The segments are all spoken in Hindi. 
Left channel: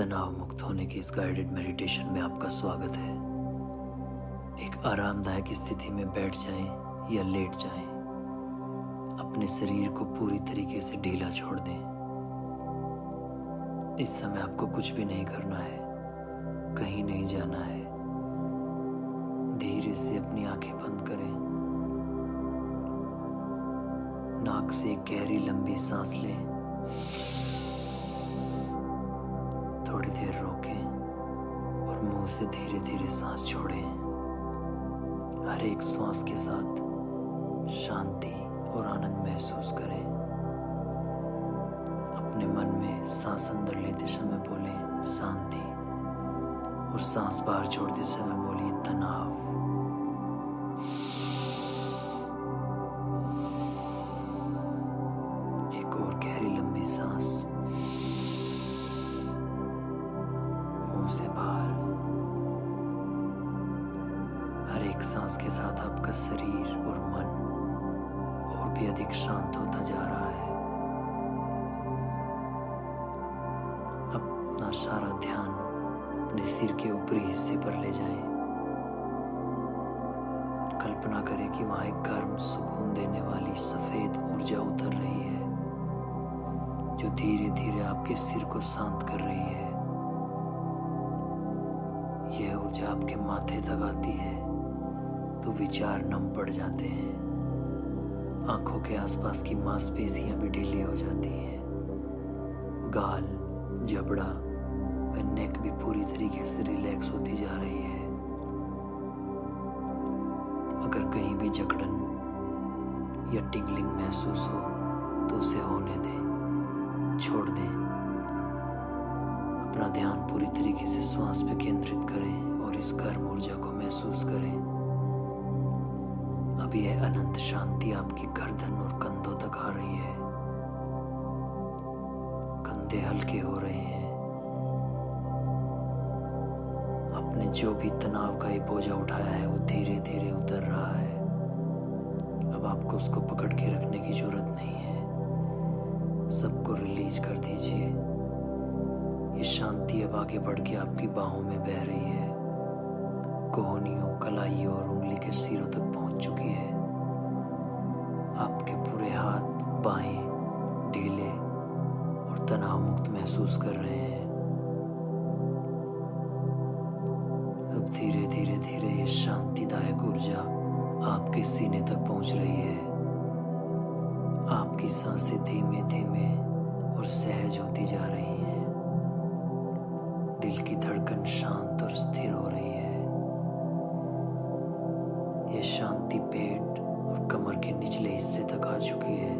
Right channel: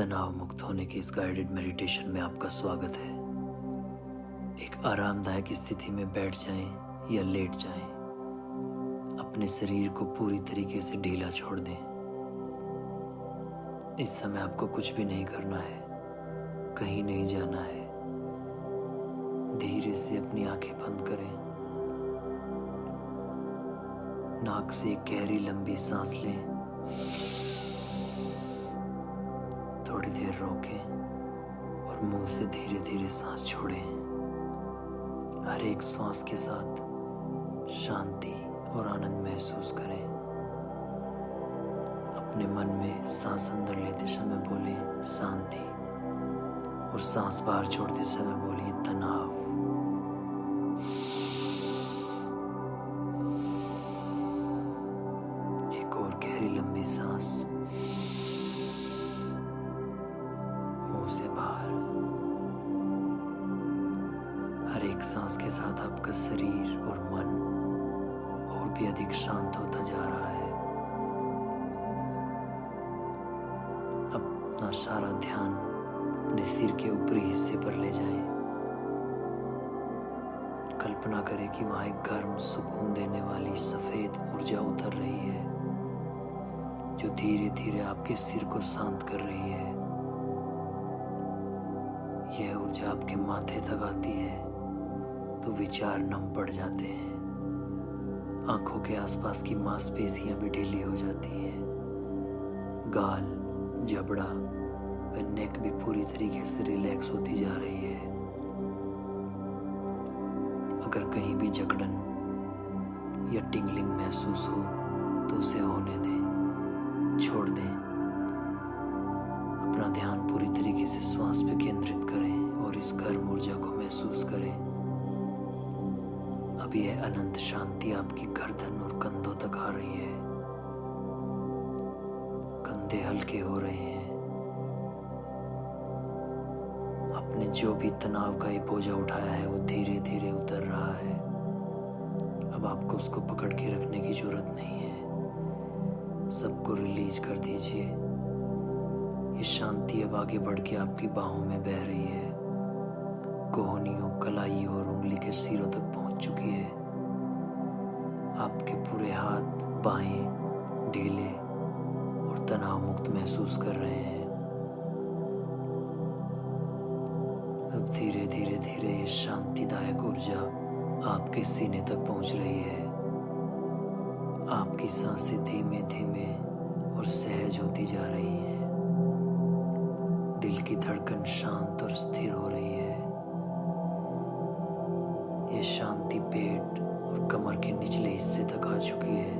तनाव मुक्त होने के इस गाइडेड मेडिटेशन में आपका स्वागत है। एक आरामदायक स्थिति में बैठ जाएं या लेट जाएं। अपने शरीर को पूरी तरीके से ढीला छोड़ दें। इस समय आपको कुछ भी नहीं करना है, कहीं नहीं जाना है। धीरे से अपनी आंखें बंद करें। नाक से एक गहरी लंबी सांस लें। थोड़ी देर रोकें और मुंह से धीरे धीरे सांस छोड़ें। हर एक श्वास के साथ शांति और आनंद महसूस करें। अपने मन में सांस अंदर लेते समय बोलें शांति और सांस बाहर छोड़ते समय बोलिए तनाव। एक और गहरी लंबी सांस मुंह से बाहर। हर एक सांस के साथ आपका शरीर और मन और भी अधिक शांत होता जा रहा है। अपना सारा ध्यान अपने सिर के ऊपरी हिस्से पर ले जाएं। कल्पना करें कि वहां एक गर्म सुकून देने वाली सफेद ऊर्जा उतर रही है जो धीरे धीरे आपके सिर को शांत कर रही है। यह ऊर्जा आपके माथे तक आती है तो विचार नम पड़ जाते हैं। आंखों के आसपास की मांसपेशियां भी ढीली हो जाती हैं। गाल, जबड़ा व नेक भी पूरी तरीके से रिलैक्स होती जा रही है। अगर कहीं भी जकड़न या टिंगलिंग महसूस हो तो उसे होने दें, छोड़ दें। अपना ध्यान पूरी तरीके से श्वास पे केंद्रित करें और इस गर्म ऊर्जा को महसूस करें। अब यह अनंत शांति आपकी गर्दन और कंधों तक आ रही है। कंधे हल्के हो रहे हैं। आपने जो भी तनाव का ये बोझा उठाया है वो धीरे धीरे उतर रहा है। अब आपको उसको पकड़ के रखने की जरूरत नहीं है। सबको रिलीज कर दीजिए। ये शांति अब आगे बढ़ के आपकी बाहों में बह रही है। कोहनियों, कलाइयों और उंगली के सिरों तक पहुंच चुकी है। आपके पूरे हाथ, बाहें ढीले और तनाव मुक्त महसूस कर रहे हैं। अब धीरे धीरे धीरे ये शांतिदायक ऊर्जा आपके सीने तक पहुंच रही है। आपकी सांसें धीमे धीमे और सहज होती जा रही हैं। दिल की धड़कन शांत और स्थिर हो रही है। ये शांति पेट और कमर के निचले हिस्से तक आ चुकी है।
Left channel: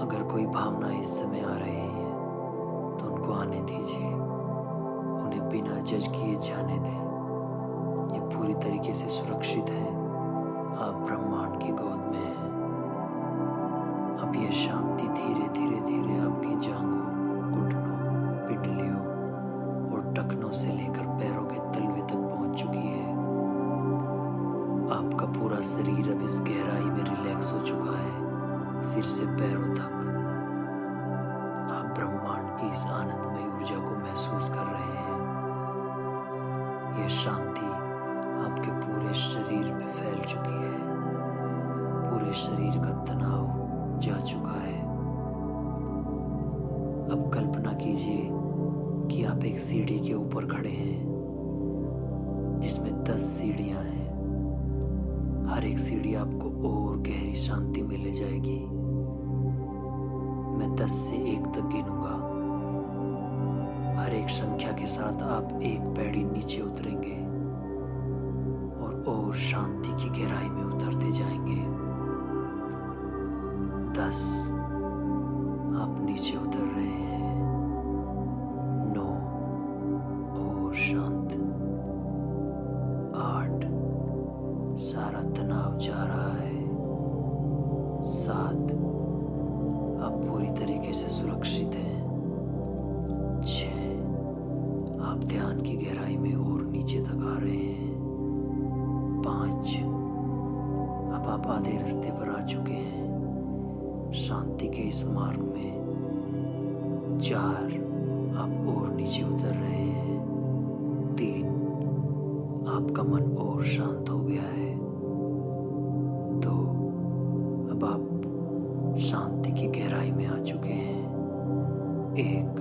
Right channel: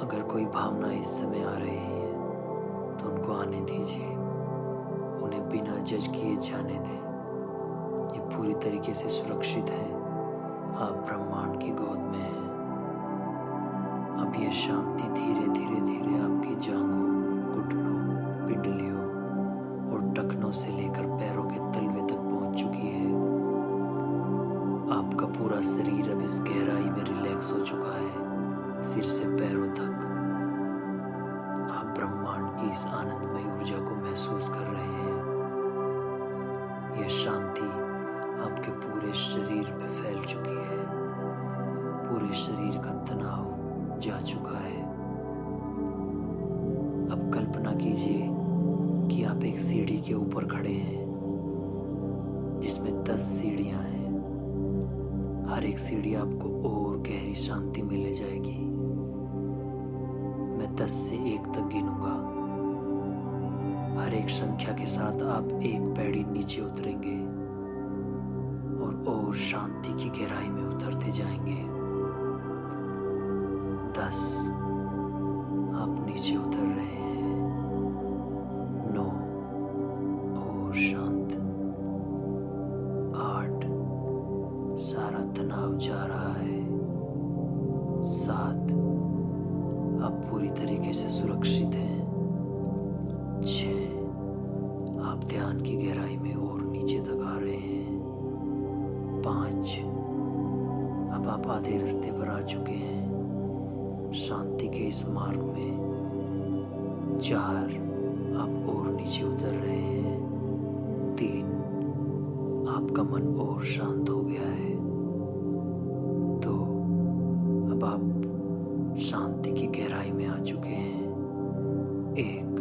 अगर कोई भावना इस समय आ रही है तो उनको आने दीजिए। उन्हें बिना जज किए जाने दें। ये पूरी तरीके से सुरक्षित है। आप ब्रह्मांड की गोद में हैं। अब यह शांति धीरे धीरे धीरे आपकी जांघों, घुटनों, पिंडलियों और टखनों से लेकर पैरों के तलवे तक पहुंच चुकी है। आपका पूरा शरीर अब इस गहराई में रिलैक्स हो चुका है, सिर से पैरों तक। आप ब्रह्मांड की इस आनंदमय ऊर्जा को महसूस कर रहे हैं। यह शांति आपके पूरे शरीर में फैल चुकी है। पूरे शरीर का तनाव जा चुका है। अब कल्पना कीजिए कि आप एक सीढ़ी के ऊपर खड़े हैं जिसमें 10 सीढ़ियां हैं। हर एक सीढ़ी आपको और गहरी शांति में ले जाएगी। मैं 10 से 1 तक गिनूंगा। हर एक संख्या के साथ आप एक पैड़ी नीचे उतरेंगे और शांति की गहराई में उतरते जाएंगे। 10, आप नीचे उतर रहे हैं। 9, और शांत। 8, सारा तनाव जा रहा है। 7, आप पूरी तरीके से सुरक्षित हैं। 6, आप ध्यान की गहराई में और नीचे तक आ रहे हैं। 5, अब आप आधे रास्ते पर आ चुके हैं शांति के इस मार्ग में। 4, आप और नीचे उतर रहे हैं। 3, आपका मन और शांत हो गया है। 2, अब आप शांति की गहराई में आ चुके हैं। 1,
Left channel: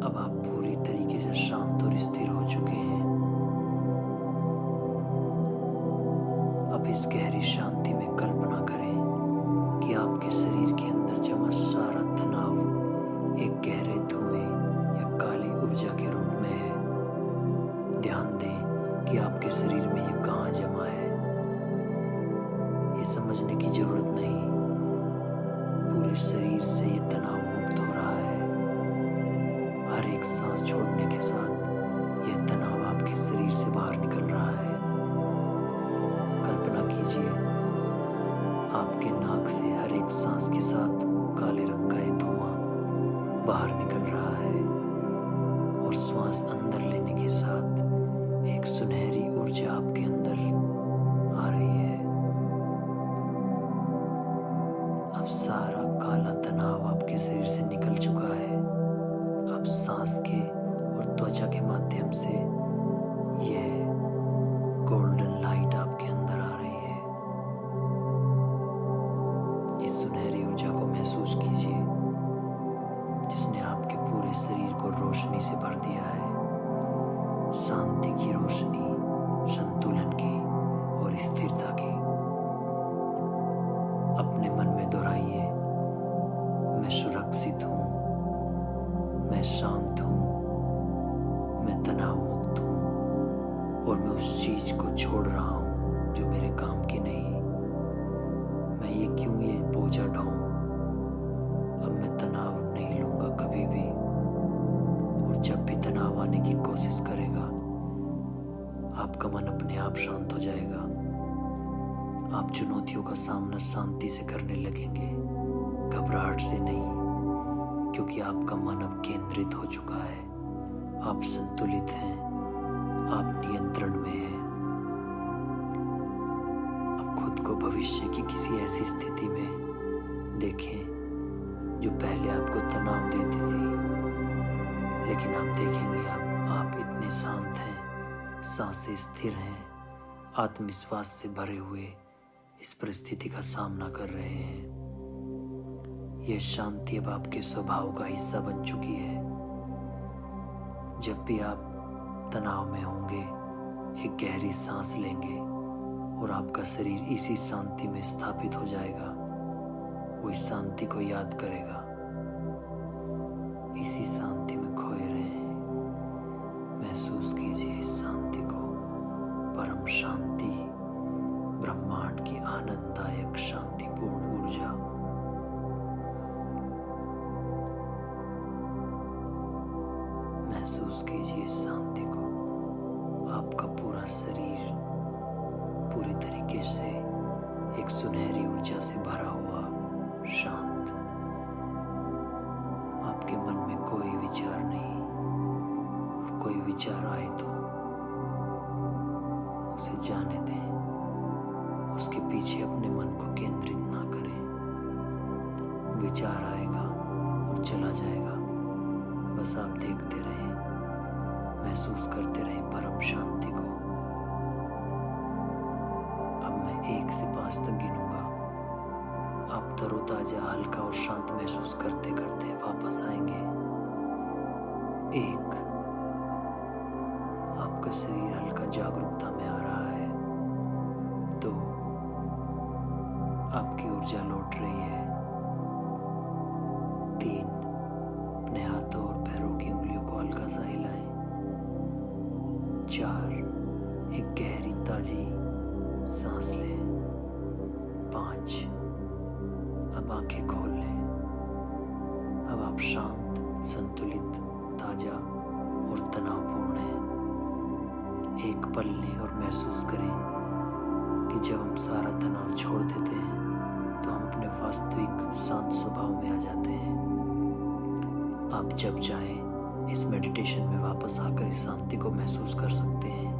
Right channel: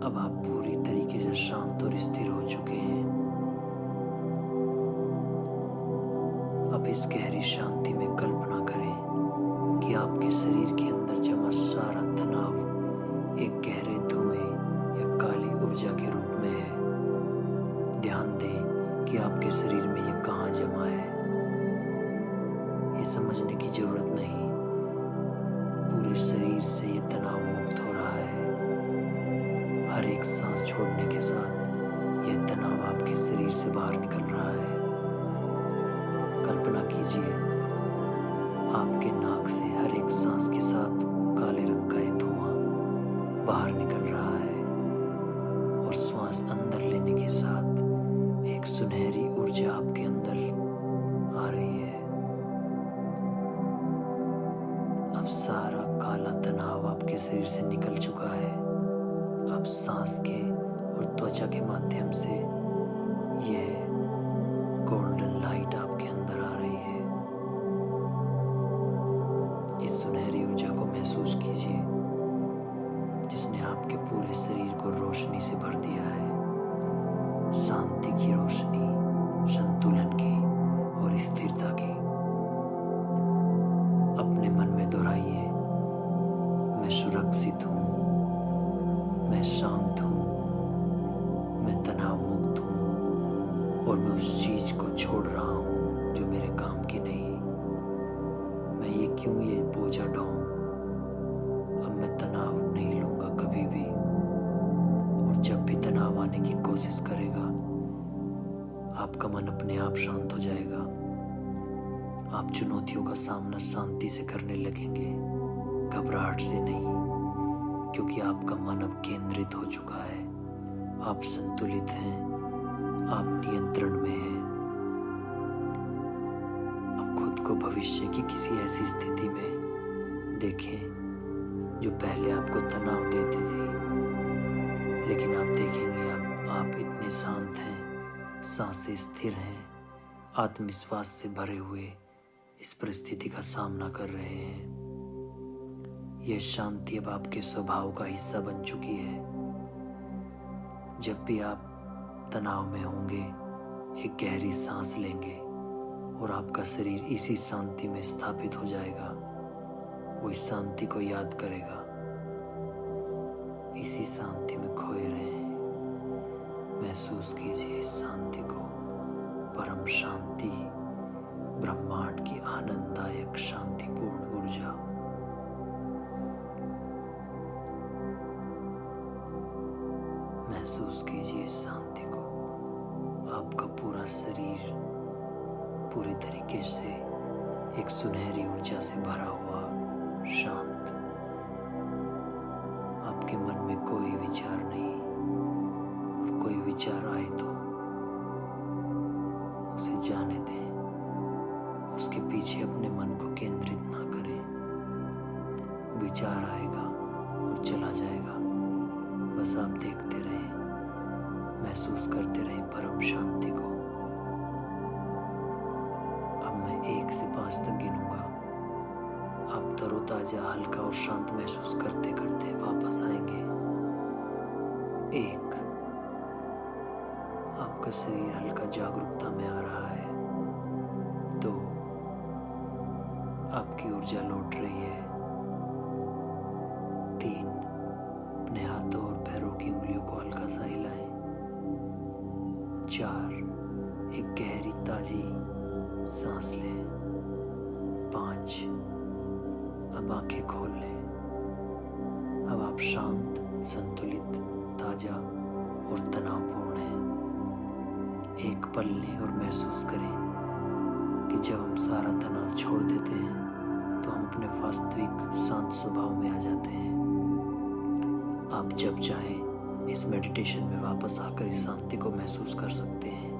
अब आप पूरी तरीके से शांत और स्थिर हो चुके हैं। अब इस गहरी शांति में कल्पना करें कि आपके शरीर के अंदर जमा सारा तनाव एक गहरे धुएं या काली ऊर्जा के रूप में है। ध्यान दें कि आपके शरीर में ये कहाँ जमा है। ये समझने की जरूरत नहीं, पूरे शरीर से ये तनाव मुक्त हो रहा है। हर एक सांस छोड़ने के साथ यह तनाव आपके शरीर से बाहर निकल रहा है। कल्पना कीजिए, आपके नाक से हर एक सांस के साथ काले रंग का ये धुआं बाहर निकल रहा है और श्वास अंदर लेने के साथ एक सुनहरी ऊर्जा आपके अंदर आ रही है। अब सारा काला तनाव आपके शरीर से निकल चुका है। अब सांस के और त्वचा के माध्यम से यह गोल्डन लाइट आपके अंदर आ रही है। इस सुनहरी ऊर्जा को महसूस कीजिए, जिसने आपके पूरे शरीर को रोशनी से भर दिया है। शांति की रोशनी, संतुलन की और स्थिरता की। अपने मन में दोहराइए, मैं सुरक्षित हूँ, मैं शांत हूँ, मैं तनाव मुक्त हूँ और मैं उस चीज को छोड़ रहा हूँ जो मेरे काम की नहीं। मैं ये बोझा ढोऊं। अब मैं तनाव नहीं लूंगा कभी भी, और जब भी तनाव आने की कोशिश करेगा, आपका मन अपने आप शांत हो जाएगा। आप चुनौतियों का सामना शांति से करने लगेंगे, घबराहट से नहीं, क्योंकि आपका मन अब केंद्रित हो चुका है। आप संतुलित हैं, आप नियंत्रण में हैं। अब खुद को भविष्य की किसी ऐसी स्थिति में देखें जो पहले आपको तनाव देती थी, लेकिन आप देखेंगे अब आप इतने शांत हैं, सांसें स्थिर हैं, आत्मविश्वास से भरे हुए इस परिस्थिति का सामना कर रहे हैं। यह शांति अब आपके स्वभाव का हिस्सा बन चुकी है। जब भी आप तनाव में होंगे, एक गहरी सांस लेंगे और आपका शरीर इसी शांति में स्थापित हो जाएगा। वो इस शांति को याद करेगा, इसी शांति में खोए रहें। महसूस कीजिए इस शांति को, परम शांति, ब्रह्मांड की आनंददायक शांतिपूर्ण ऊर्जा। महसूस कीजिए इस शांति को। आपका पूरा शरीर पूरी तरीके से एक सुनहरी ऊर्जा से भरा हुआ, शांत। आपके मन में कोई विचार नहीं, और कोई विचार आए तो उसे जाने दें। उसके पीछे अपने मन को केंद्रित ना करें। विचार आएगा और चला जाएगा, बस आप देखते रहें, महसूस करते रहें परम शांति को। अब मैं 1 से 5 तक गिनूंगा। आप तरोताजा, हल्का और शांत महसूस करते करते वापस आएंगे। 1, आपका शरीर हल्का जागरूकता में आ रहा है। 2, आपकी ऊर्जा लौट रही है। 3, अपने हाथों और पैरों की उंगलियों को हल्का सा हिलाएं। 4, एक गहरी ताजी सांस लें। 5, अब आंखें खोल लें। अब आप शांत, संतुलित, ताजा और तनावपूर्ण हैं। एक पल लें और महसूस करें कि जब हम सारा तनाव छोड़ देते हैं तो हम अपने वास्तविक शांत स्वभाव में आ जाते हैं। आप जब चाहें इस मेडिटेशन में वापस आकर इस शांति को महसूस कर सकते हैं।